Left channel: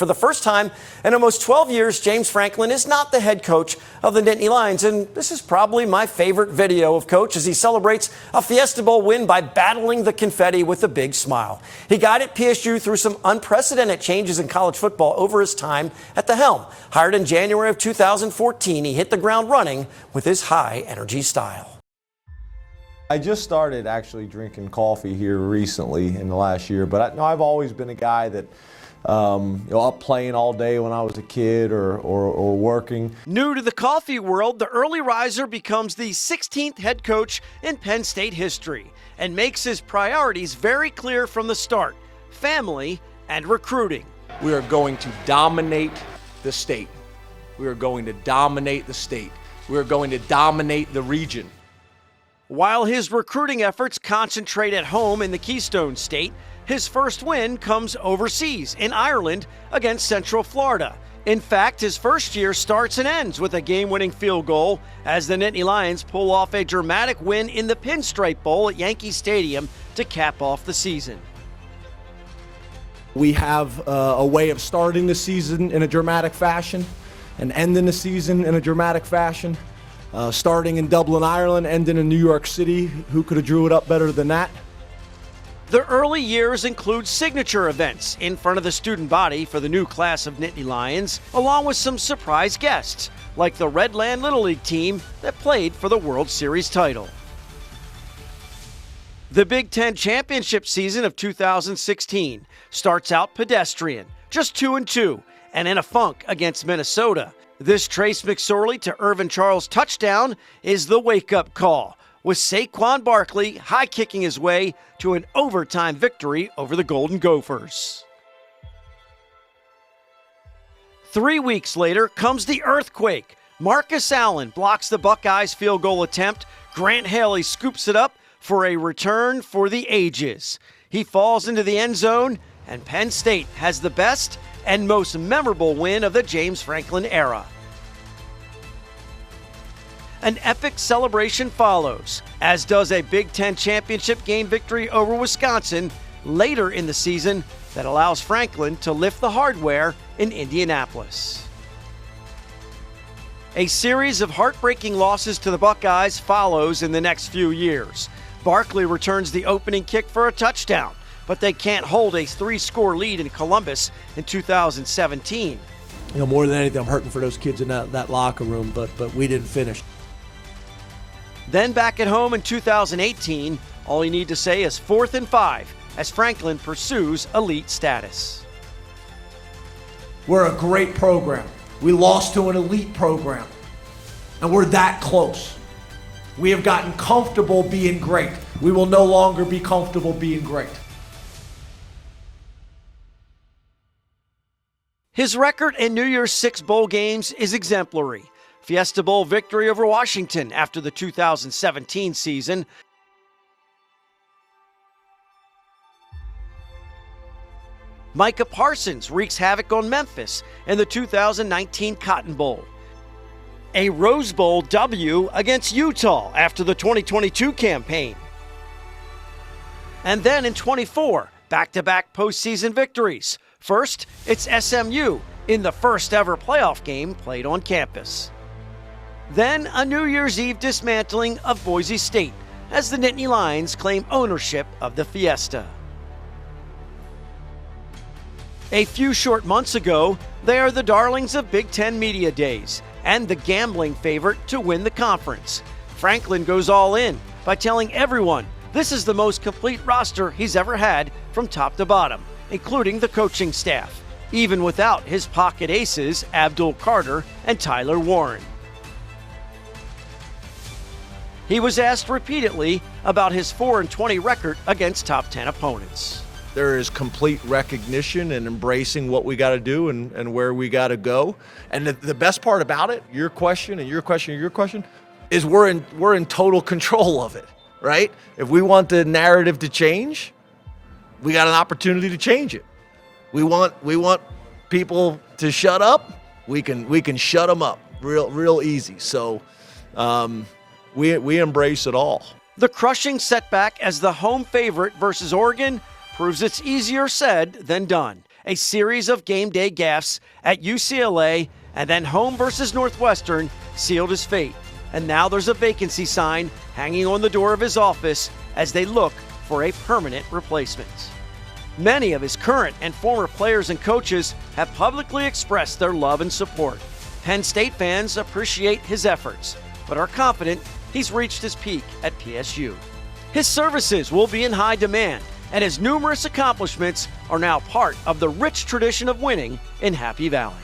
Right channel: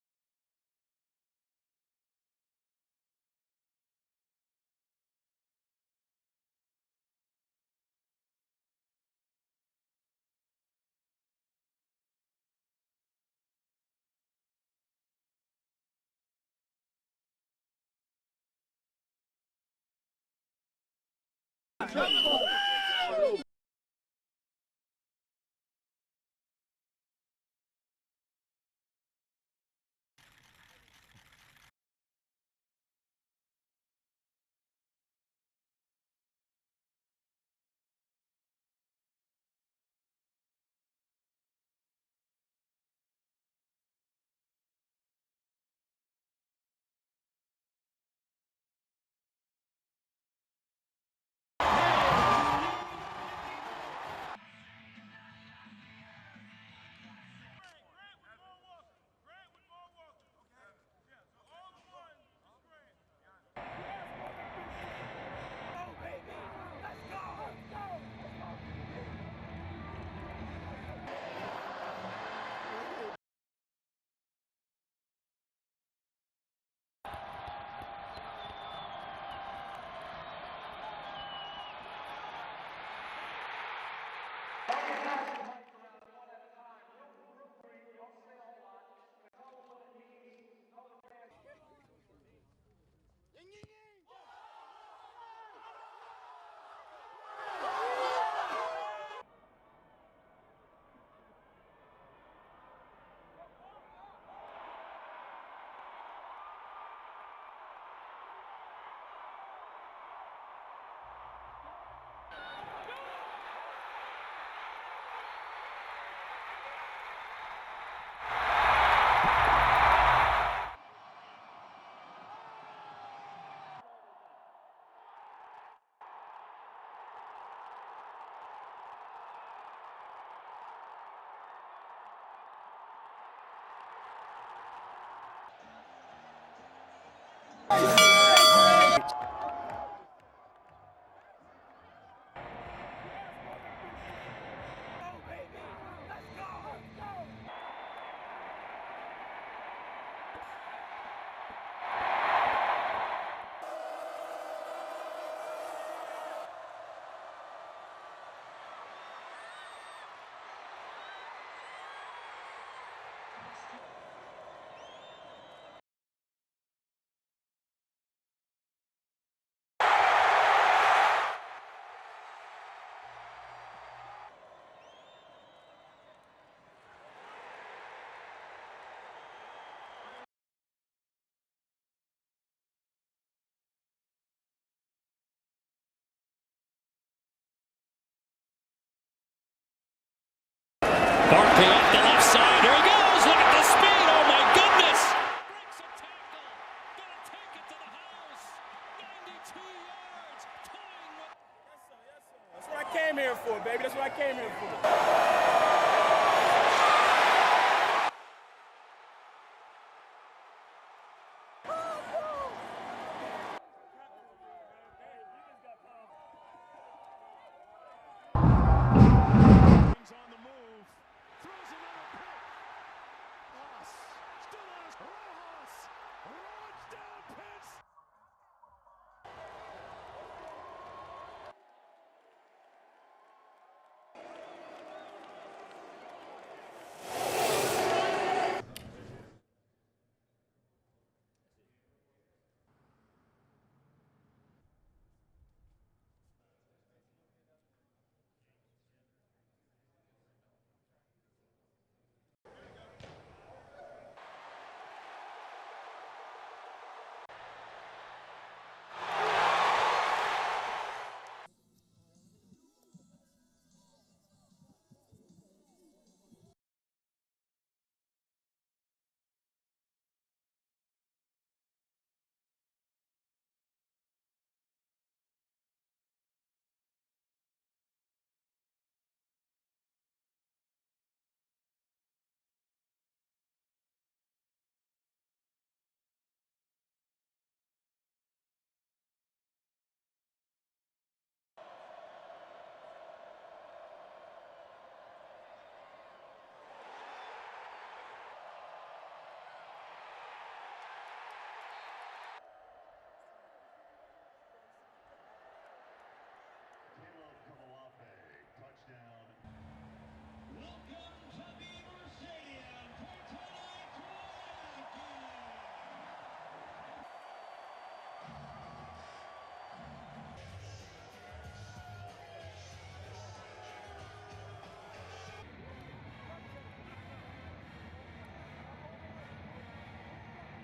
For the first time in almost 12 years, James Franklin is not the head coach of the Nittany Lions, and this is probably my favorite video of Coach as he celebrates a Fiesta Bowl win by battling the confetti with a big smile. He guided PSU through some unprecedented changes in college football over his time at the helm. Hired in January of 2014, he hit the ground running with his high-energy style. I just started actually drinking coffee here recently in the last year, but I've always been a guy that up playing all day when I was a kid or working. New to the coffee world, the early riser becomes the 16th head coach in Penn State history and makes his priorities very clear from the start: family and recruiting. We are going to dominate the state. We are going to dominate the state. We are going to dominate the region. While his recruiting efforts concentrate at home in the Keystone State, his first win comes overseas in Ireland against Central Florida. In fact, his first year starts and ends with a game-winning field goal as the Nittany Lions pull off a dramatic win in the Pinstripe Bowl at Yankee Stadium to cap off the season. We have a way of starting the season in a dramatic fashion and ending the season in a dramatic fashion. Starting in Dublin, Ireland, ending in New York City. Who could have drew it up better than that? The early years include signature events in front of the student body for the new class of Nittany Lions, along with some surprise guests, like the Redland Little League team that played for the World Series title. The Big Ten championship season of 2016 starts out pedestrian, just 2-2, and in a funk against Minnesota. This Trace McSorley to Irvin Charles touchdown is the wake-up call, with Saquon Barkley high-kicking his way to an overtime victory over the Golden Gophers. 3 weeks later comes the earthquake. Marcus Allen blocks the Buckeyes' field goal attempt. Grant Haley scoops it up for a return for the ages. He falls into the end zone, and Penn State has the best and most memorable win of the James Franklin era. An epic celebration follows, as does a Big Ten championship game victory over Wisconsin later in the season that allows Franklin to lift the hardware in Indianapolis. A series of heartbreaking losses to the Buckeyes follows in the next few years. Barkley returns the opening kick for a touchdown, but they can't hold a 3-score lead in Columbus in 2017. More than anything, I'm hurting for those kids in that locker room, but we didn't finish. Then back at home in 2018, all you need to say is 4th and 5 as Franklin pursues elite status. We're a great program. We lost to an elite program, and we're that close. We have gotten comfortable being great. We will no longer be comfortable being great. Barkley off the left side. Here he goes. Look at the speed. Oh, my goodness. His record in New Year's Six bowl games is exemplary. Fiesta Bowl victory over Washington after the 2017 season. That's what I came here for, baby. That's what I came here for. Micah Parsons wreaks havoc on Memphis in the 2019 Cotton Bowl. A Rose Bowl W against Utah after the 2022 campaign. And then in 24, back-to-back postseason victories. First, it's SMU in the first ever playoff game played on campus. Then a New Year's Eve dismantling of Boise State as the Nittany Lions claim ownership of the Fiesta. A few short months ago, they are the darlings of Big Ten Media Days and the gambling favorite to win the conference. Franklin goes all in by telling everyone this is the most complete roster he's ever had from top to bottom, including the coaching staff, even without his pocket aces, Abdul Carter and Tyler Warren. He was asked repeatedly about his 4-20 record against top 10 opponents. There is complete recognition and embracing what we got to do and where we got to go. And the best part about it, your question, is we're in total control of it, right? If we want the narrative to change, we got an opportunity to change it. We want people to shut up. We can shut them up real easy. So we embrace it all. The crushing setback as the home favorite versus Oregon proves it's easier said than done. a series of game day gaffes at UCLA, and then home versus Northwestern sealed his fate. And now there's a vacancy sign hanging on the door of his office as they look for a permanent replacement. Many of his current and former players and coaches have publicly expressed their love and support. Penn State fans appreciate his efforts, but are confident he's reached his peak at PSU. His services will be in high demand, and his numerous accomplishments are now part of the rich tradition of winning in Happy Valley.